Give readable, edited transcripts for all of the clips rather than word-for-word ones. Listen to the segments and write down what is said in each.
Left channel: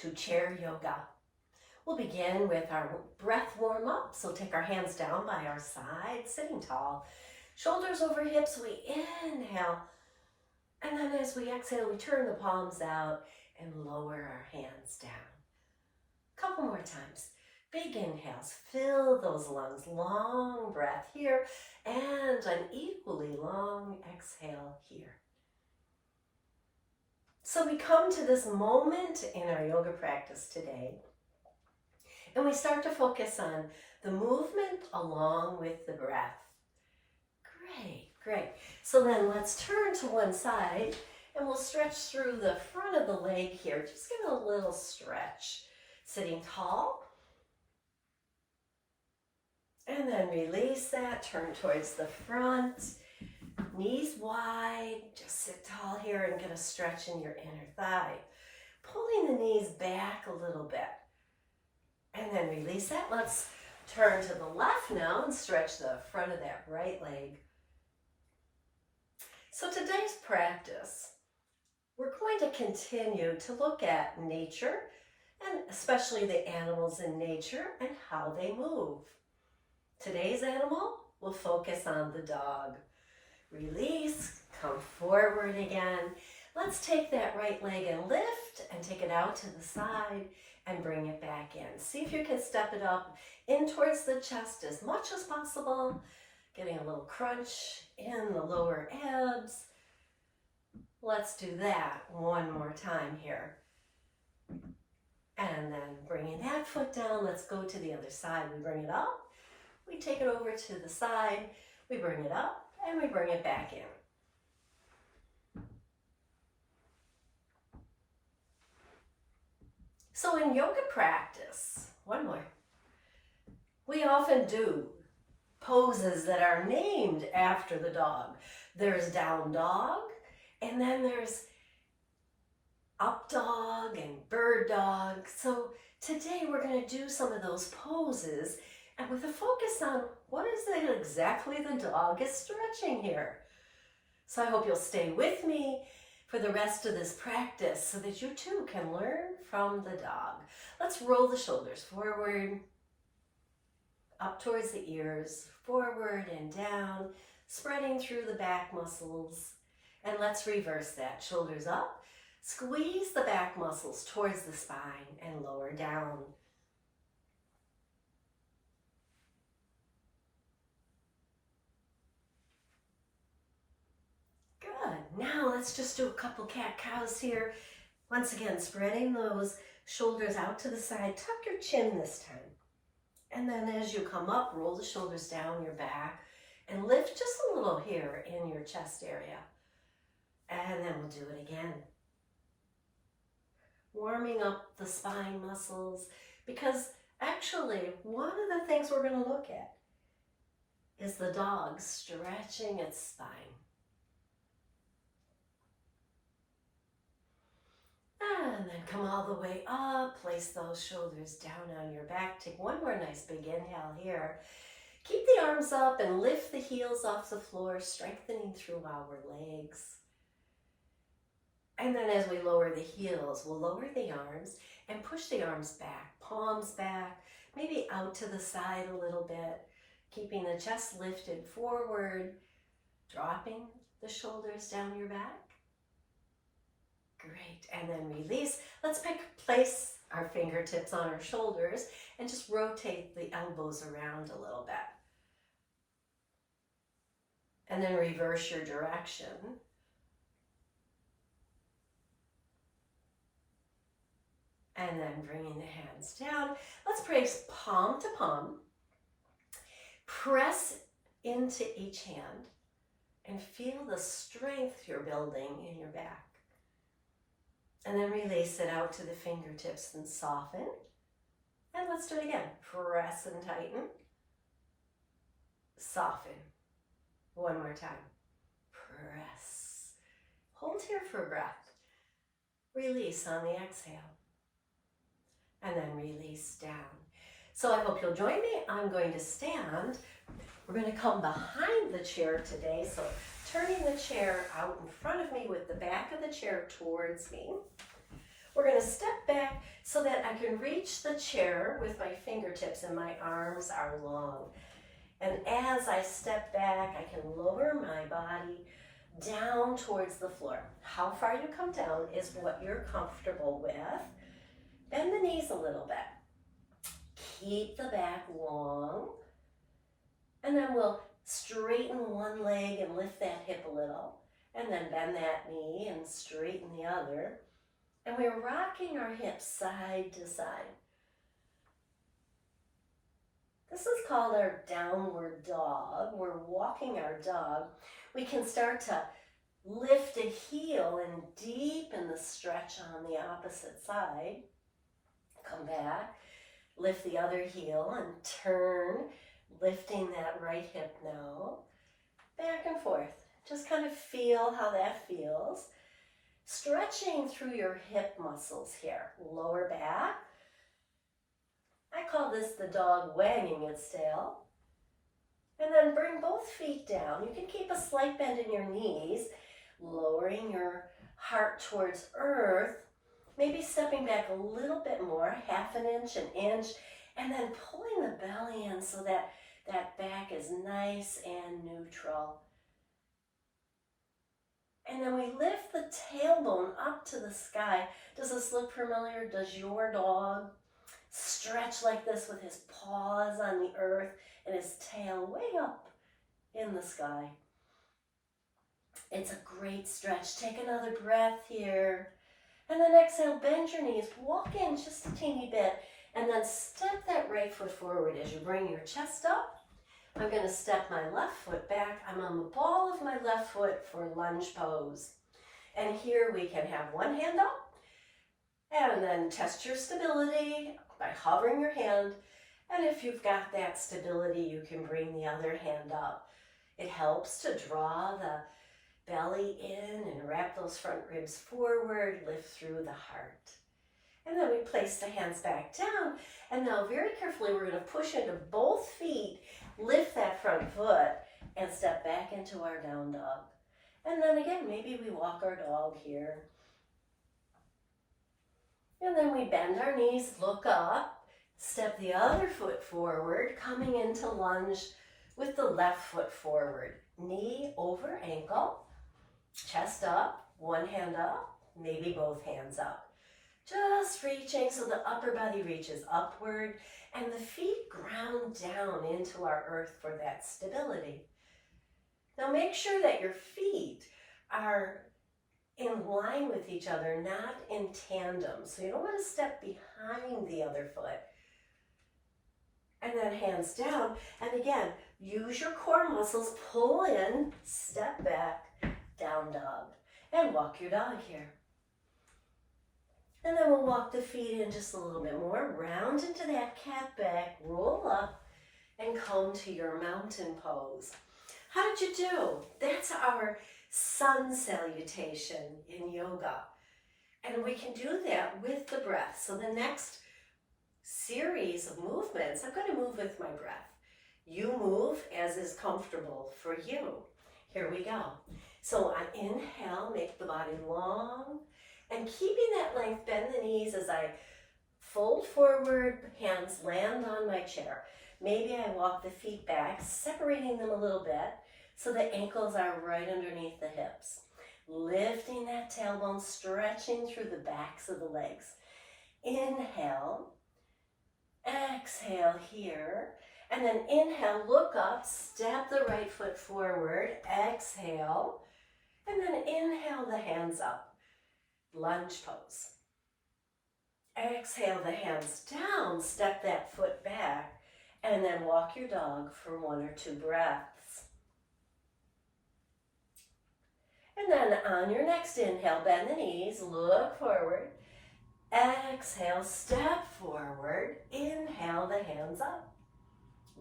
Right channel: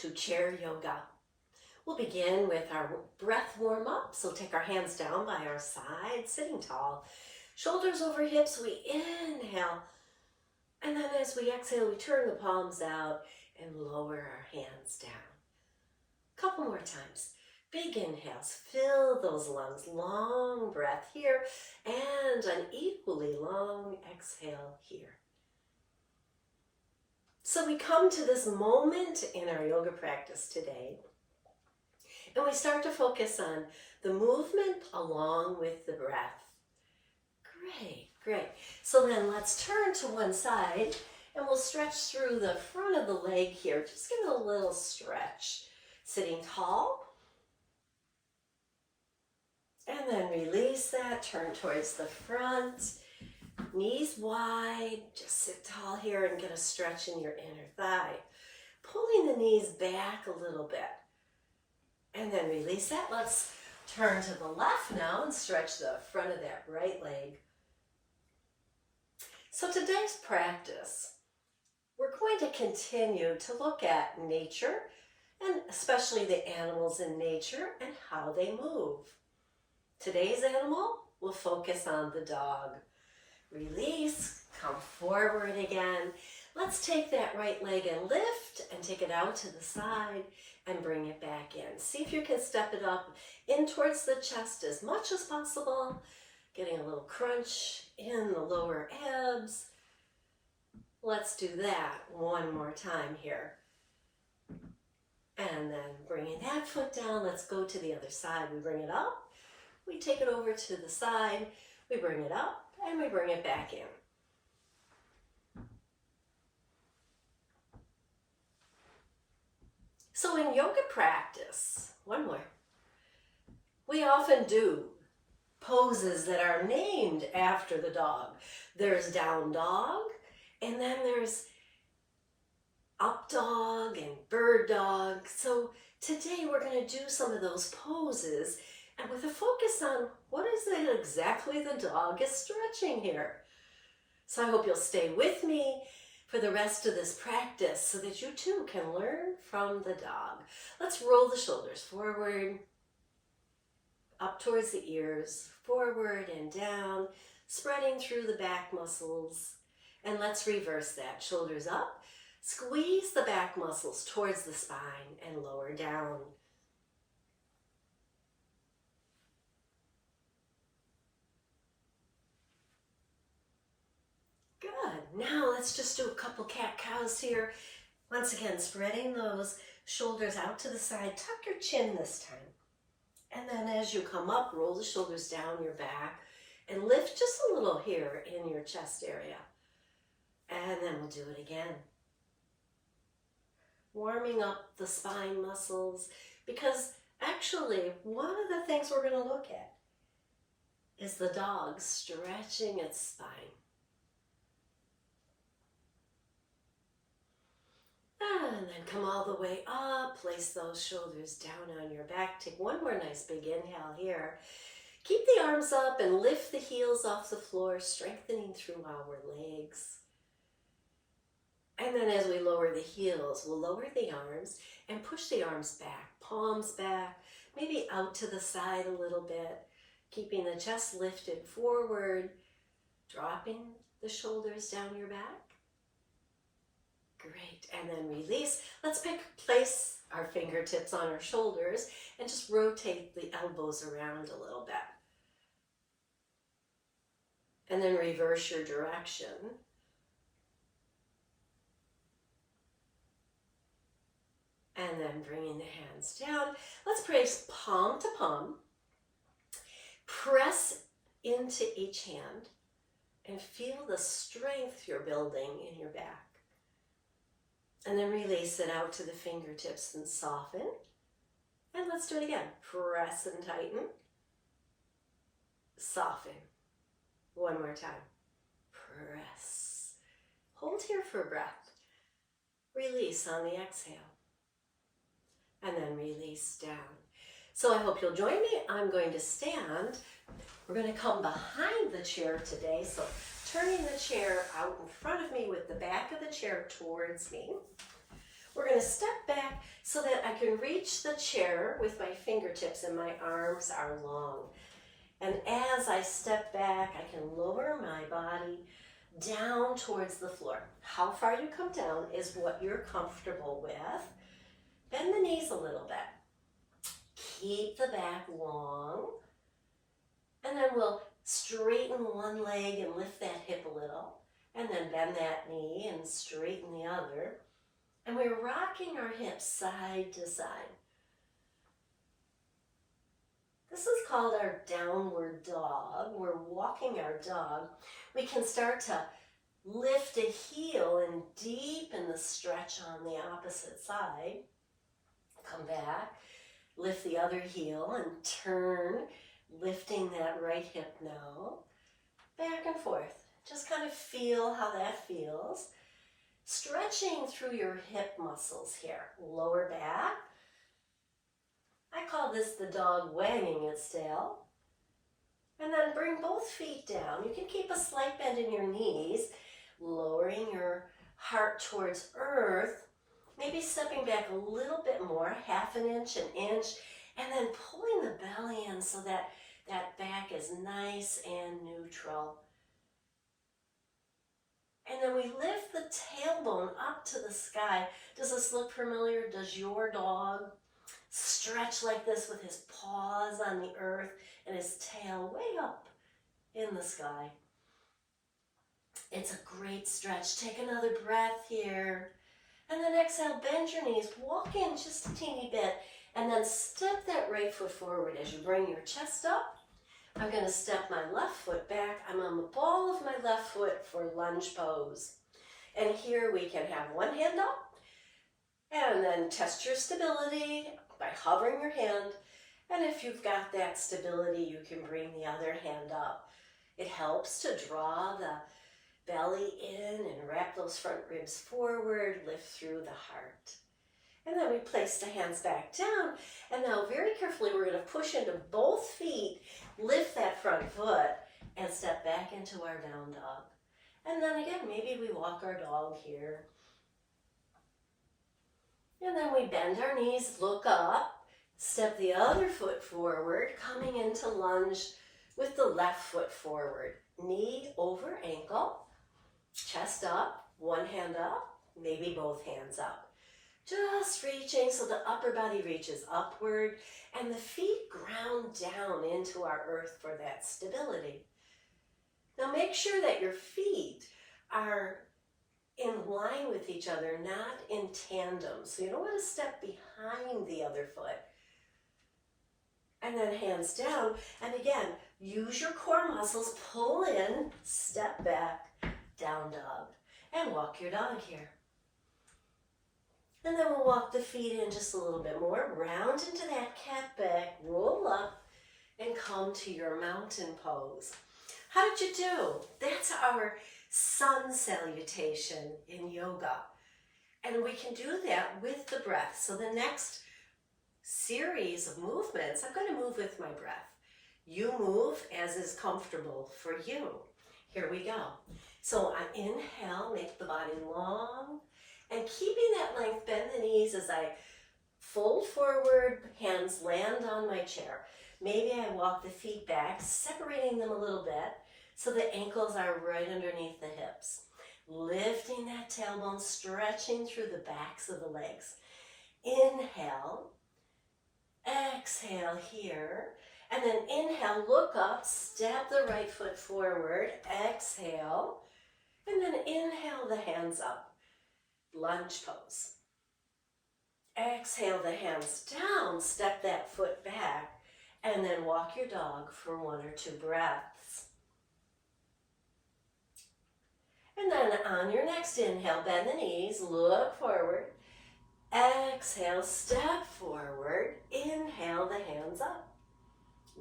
to chair yoga. We'll begin with our breath warm-up. So take our hands down by our side, sitting tall. Shoulders over hips, we inhale. And then as we exhale, we turn the palms out and lower our hands down. Couple more times. Big inhales, fill those lungs, long breath here, and an equally long exhale here. So we come to this moment in our yoga practice today, and we start to focus on the movement along with the breath. Great, great. So then let's turn to one side, and we'll stretch through the front of the leg here. Just give it a little stretch. Sitting tall. And then release that, turn towards the front, knees wide, just sit tall here and get a stretch in your inner thigh. Pulling the knees back a little bit. And then release that. Let's turn to the left now and stretch the front of that right leg. So today's practice, we're going to continue to look at nature, and especially the animals in nature and how they move. Today's animal will focus on the dog. Release, come forward again. Let's take that right leg and lift and take it out to the side and bring it back in. See if you can step it up in towards the chest as much as possible. Getting a little crunch in the lower abs. Let's do that one more time here. And then bringing that foot down, let's go to the other side. We bring it up. We take it over to the side, we bring it up, and we bring it back in. So in yoga practice, one more, we often do poses that are named after the dog. There's down dog, and then there's up dog and bird dog. So today we're going to do some of those poses, and with a focus on what is it exactly the dog is stretching here. So I hope you'll stay with me for the rest of this practice so that you too can learn from the dog. Let's roll the shoulders forward, up towards the ears, forward and down, spreading through the back muscles. And let's reverse that. Shoulders up, squeeze the back muscles towards the spine and lower down. Good. Now let's just do a couple cat-cows here. Once again, spreading those shoulders out to the side. Tuck your chin this time. And then as you come up, roll the shoulders down your back and lift just a little here in your chest area. And then we'll do it again. Warming up the spine muscles, because actually one of the things we're going to look at is the dog stretching its spine. And then come all the way up, place those shoulders down on your back. Take one more nice big inhale here. Keep the arms up and lift the heels off the floor, strengthening through our legs. And then as we lower the heels, we'll lower the arms and push the arms back, palms back, maybe out to the side a little bit, keeping the chest lifted forward, dropping the shoulders down your back. Great, and then release. Let's place our fingertips on our shoulders and just rotate the elbows around a little bit. And then reverse your direction. And then bringing the hands down. Let's place palm to palm. Press into each hand and feel the strength you're building in your back. And then release it out to the fingertips and soften. And let's do it again. Press and tighten. Soften. One more time. Press. Hold here for a breath. Release on the exhale. And then release down. So I hope you'll join me. I'm going to stand. We're going to come behind the chair today. So turning the chair out in front of me with the back of the chair towards me. We're going to step back so that I can reach the chair with my fingertips and my arms are long. And as I step back, I can lower my body down towards the floor. How far you come down is what you're comfortable with. Bend the knees a little bit. Keep the back long. And then we'll straighten one leg and lift that hip a little. And then bend that knee and straighten the other. And we're rocking our hips side to side. This is called our downward dog. We're walking our dog. We can start to lift a heel and deepen the stretch on the opposite side. Come back, lift the other heel and turn, lifting that right hip now. Back and forth. Just kind of feel how that feels. Stretching through your hip muscles here. Lower back. I call this the dog wagging its tail. And then bring both feet down. You can keep a slight bend in your knees, lowering your heart towards earth, maybe stepping back a little bit more, half an inch, and then pulling the belly in so that that back is nice and neutral. And then we lift the tailbone up to the sky. Does this look familiar? Does your dog stretch like this with his paws on the earth and his tail way up in the sky? It's a great stretch. Take another breath here. And then exhale, bend your knees, walk in just a teeny bit, and then step that right foot forward as you bring your chest up. I'm going to step my left foot back. I'm on the ball of my left foot for lunge pose. And here we can have one hand up, and then test your stability by hovering your hand. And if you've got that stability, you can bring the other hand up. It helps to draw the belly in and wrap those front ribs forward, lift through the heart. And then we place the hands back down. And now very carefully, we're going to push into both feet, lift that front foot, and step back into our down dog. And then again, maybe we walk our dog here. And then we bend our knees, look up, step the other foot forward, coming into lunge with the left foot forward. Knee over ankle, chest up, one hand up, maybe both hands up. Just reaching so the upper body reaches upward and the feet ground down into our earth for that stability. Now make sure that your feet are in line with each other, not in tandem. So you don't want to step behind the other foot. And then hands down. And again, use your core muscles, pull in, step back, down dog. And walk your dog here. And then we'll walk the feet in just a little bit more. Round into that cat back, roll up, and come to your mountain pose. How did you do? That's our sun salutation in yoga. And we can do that with the breath. So the next series of movements, I'm going to move with my breath. You move as is comfortable for you. Here we go. So I inhale, make the body long, and keeping that length, bend the knees as I fold forward, hands land on my chair. Maybe I walk the feet back, separating them a little bit so the ankles are right underneath the hips. Lifting that tailbone, stretching through the backs of the legs. Inhale, exhale here, and then inhale, look up, step the right foot forward, exhale, and then inhale the hands up. Lunge pose. Exhale the hands down, step that foot back, and then walk your dog for 1 or 2 breaths. And then on your next inhale, bend the knees, look forward. Exhale, step forward. Inhale the hands up.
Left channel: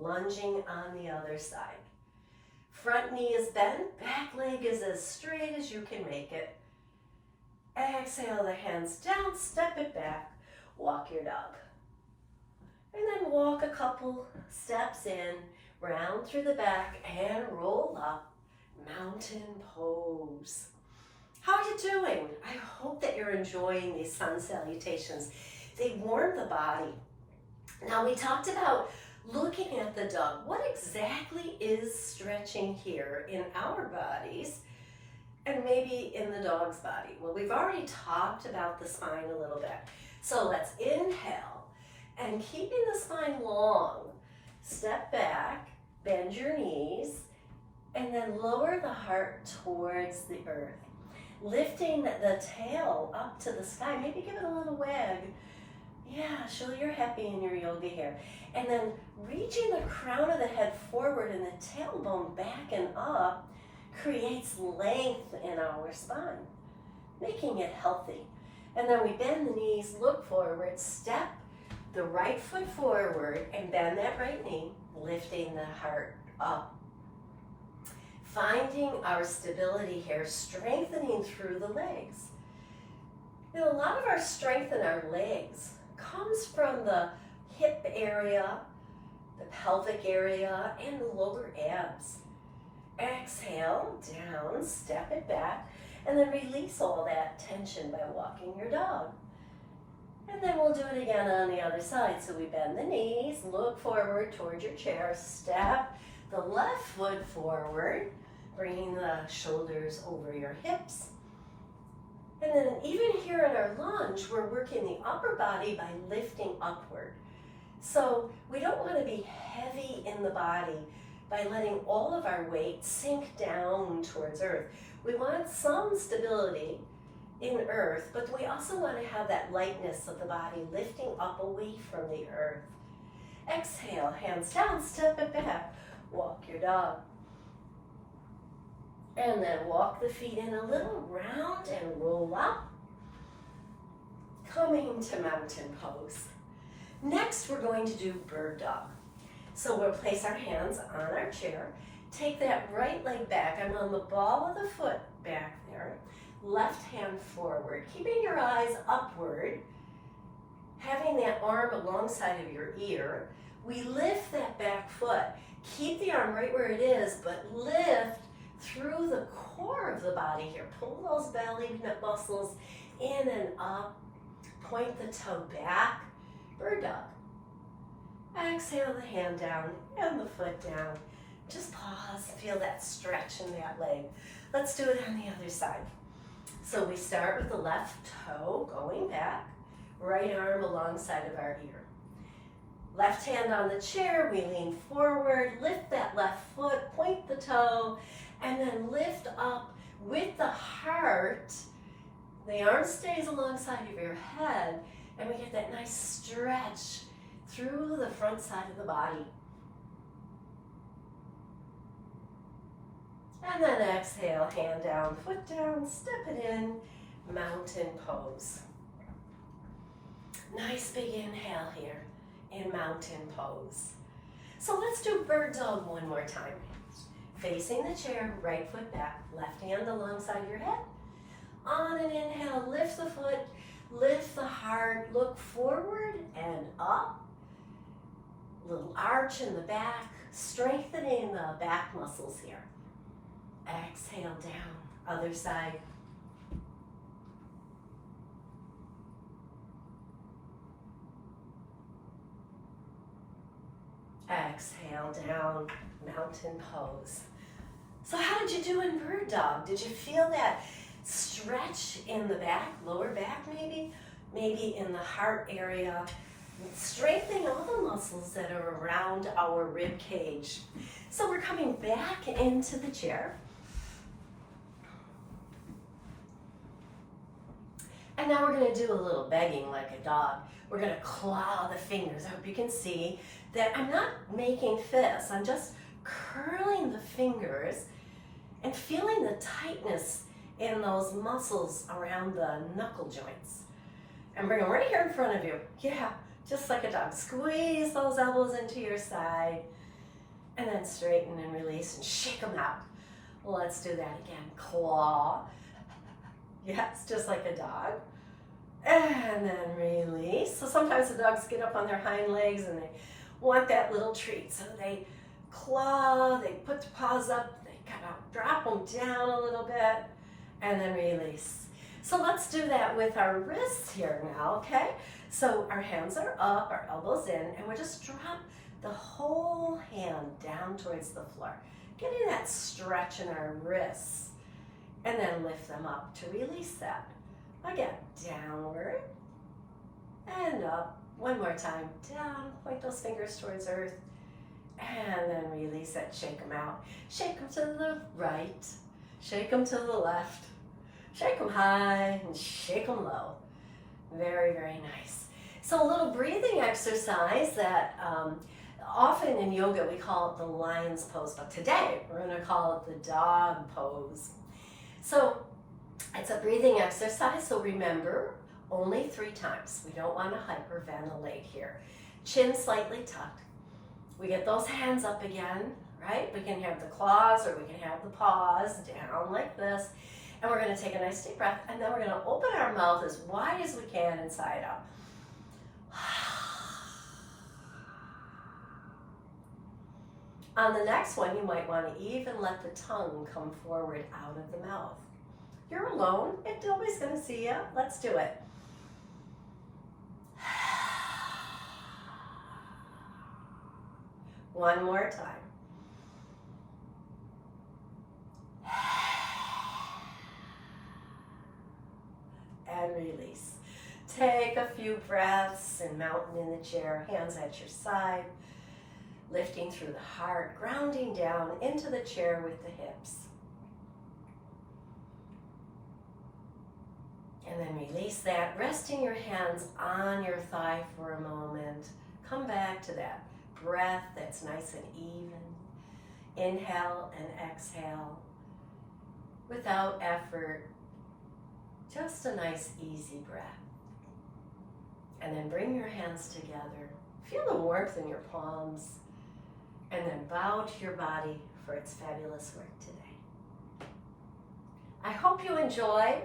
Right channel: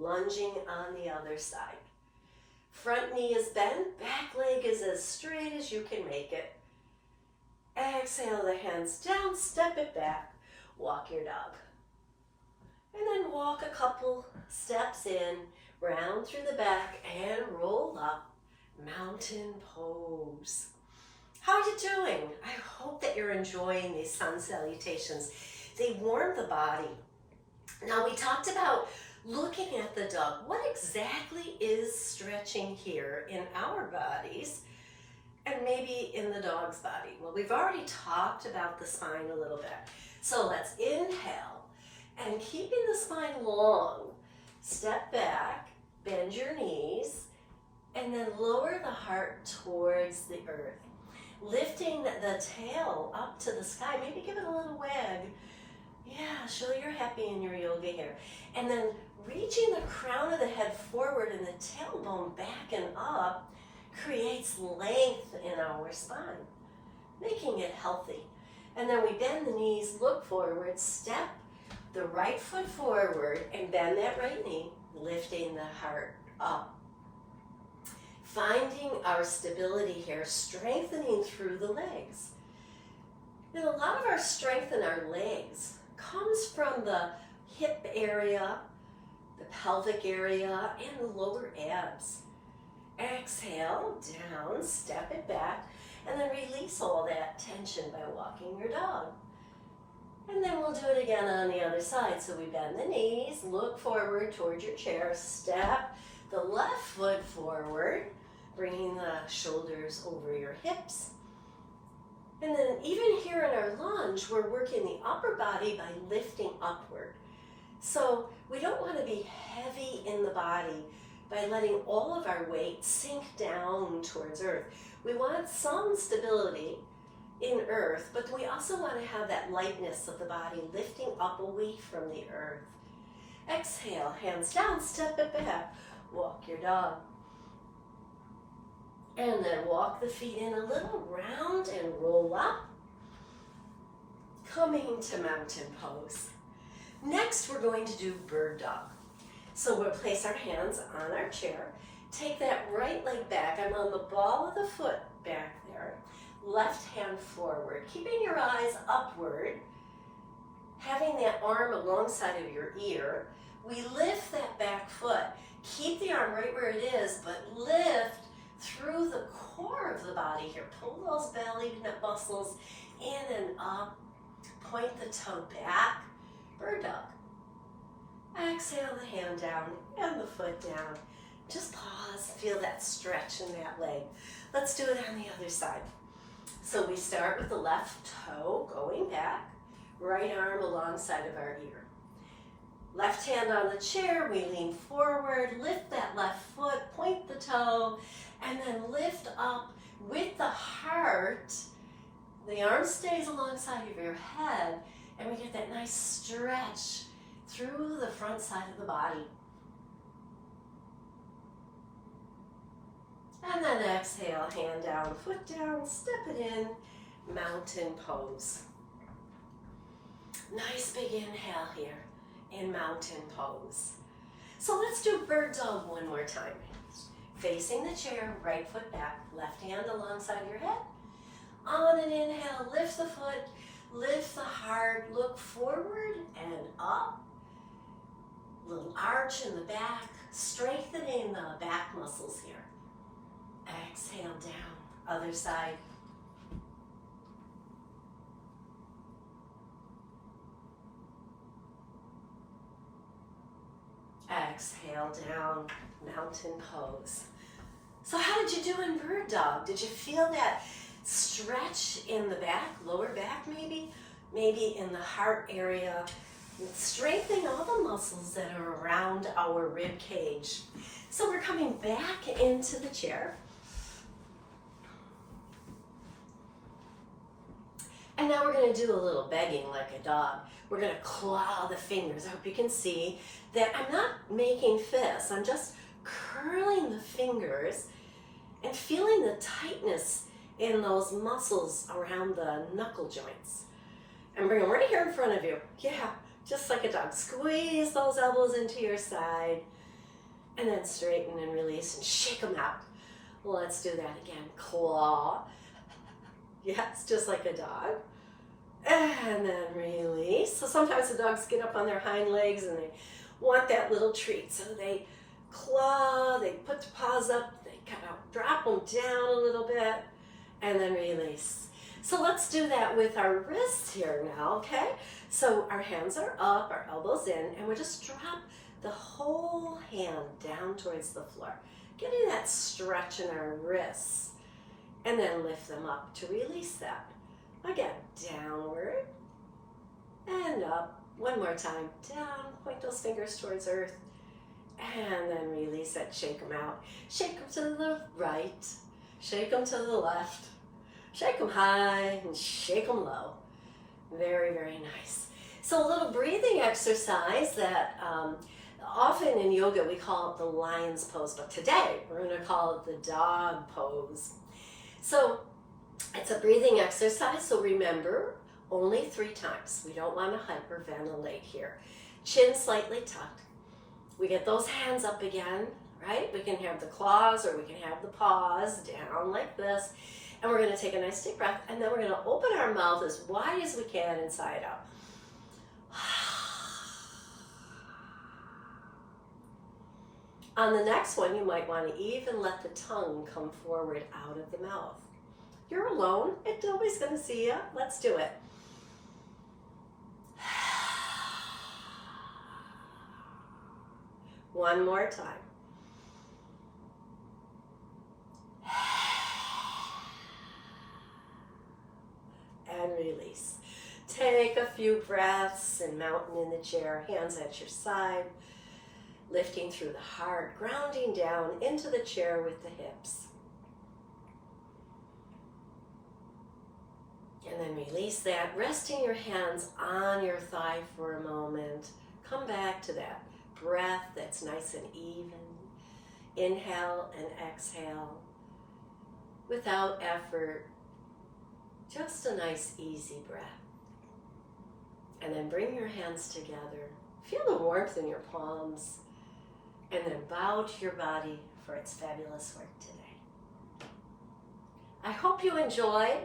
Lunging on the other side. Front knee is bent, back leg is as straight as you can make it. Exhale the hands down, step it back, walk your dog. And then walk a couple steps in, round through the back and roll up, mountain pose. How are you doing? I hope that you're enjoying these sun salutations. They warm the body. Now we talked about looking at the dog. What exactly is stretching here in our bodies and maybe in the dog's body? Well, we've already talked about the spine a little bit. So let's inhale and keeping the spine long, step back, bend your knees, and then lower the heart towards the earth. Lifting the tail up to the sky, maybe give it a little wag. Yeah, show you're happy in your yoga here. And then reaching the crown of the head forward and the tailbone back and up creates length in our spine, making it healthy. And then we bend the knees, look forward, step the right foot forward and bend that right knee, lifting the heart up. Finding our stability here, strengthening through the legs. Now, a lot of our strength in our legs comes from the hip area, the pelvic area, and the lower abs. Exhale, down, step it back, and then release all that tension by walking your dog. And then we'll do it again on the other side. So we bend the knees, look forward towards your chair, step the left foot forward, bringing the shoulders over your hips. And then even here in our lunge, we're working the upper body by lifting upward. So we don't want to be heavy in the body by letting all of our weight sink down towards earth. We want some stability in earth, but we also want to have that lightness of the body lifting up away from the earth. Exhale, hands down, step it back, walk your dog. And then walk the feet in a little round and roll up, coming to mountain pose. Next, we're going to do bird dog. So we'll place our hands on our chair, take that right leg back. I'm on the ball of the foot back there. Left hand forward, keeping your eyes upward, having that arm alongside of your ear. We lift that back foot. Keep the arm right where it is, but lift through the core of the body here. Pull those belly muscles in and up. Point the toe back. Bird dog. Exhale the hand down and the foot down. Just pause, feel that stretch in that leg. Let's do it on the other side. So we start with the left toe going back, right arm alongside of our ear. Left hand on the chair, we lean forward, lift that left foot, point the toe, and then lift up with the heart. The arm stays alongside of your head, and we get that nice stretch through the front side of the body. And then exhale, hand down, foot down, step it in, mountain pose. Nice big inhale here in mountain pose. So let's do bird dog one more time. Facing the chair, right foot back, left hand alongside your head. On an inhale, lift the foot, lift the heart, look forward and up. Little arch in the back, strengthening the back muscles here. Exhale down, other side. Exhale down, mountain pose. So how did you do in bird dog? Did you feel that stretch in the back, lower back maybe? Maybe in the heart area, strengthening all the muscles that are around our rib cage. So we're coming back into the chair. And now we're going to do a little begging like a dog. We're going to claw the fingers. I hope you can see that I'm not making fists. I'm just curling the fingers and feeling the tightness in those muscles around the knuckle joints. And bring them right here in front of you. Yeah, just like a dog. Squeeze those elbows into your side and then straighten and release and shake them out. Well, let's do that again. Claw. Yes, just like a dog. And then release. So sometimes the dogs get up on their hind legs and they want that little treat. So they claw, they put the paws up, they kind of drop them down a little bit, and then release. So let's do that with our wrists here now, okay? So our hands are up, our elbows in, and we'll just drop the whole hand down towards the floor, getting that stretch in our wrists, and then lift them up to release that. Again, downward and up. One more time, down, point those fingers towards earth, and then release it, shake them out. Shake them to the right, shake them to the left, shake them high and shake them low. Very, very nice. So a little breathing exercise that often in yoga we call it the lion's pose, but today we're going to call it the dog pose. So it's a breathing exercise, so remember, only 3 times. We don't want to hyperventilate here. Chin slightly tucked. We get those hands up again, right? We can have the claws or we can have the paws down like this. And we're going to take a nice deep breath, and then we're going to open our mouth as wide as we can inside out. On the next one, you might want to even let the tongue come forward out of the mouth. You're alone, and nobody's going to see you. Let's do it. One more time. And release. Take a few breaths in mountain in the chair, hands at your side, lifting through the heart, grounding down into the chair with the hips. And then release that, resting your hands on your thigh for a moment. Come back to that breath that's nice and even. Inhale and exhale without effort. Just a nice, easy breath. And then bring your hands together. Feel the warmth in your palms. And then bow to your body for its fabulous work today. I hope you enjoyed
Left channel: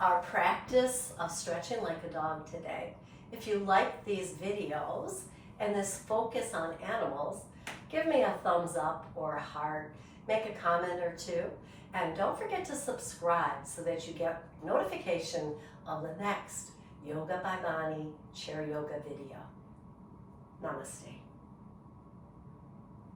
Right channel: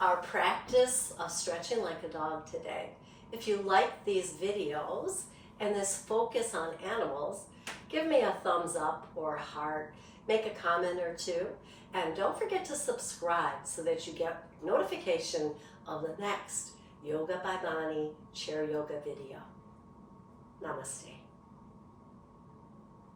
our practice of stretching like a dog today. If you like these videos and this focus on animals, give me a thumbs up or a heart. Make a comment or two. And don't forget to subscribe so that you get notification of the next Yoga by Bonnie chair yoga video. Namaste.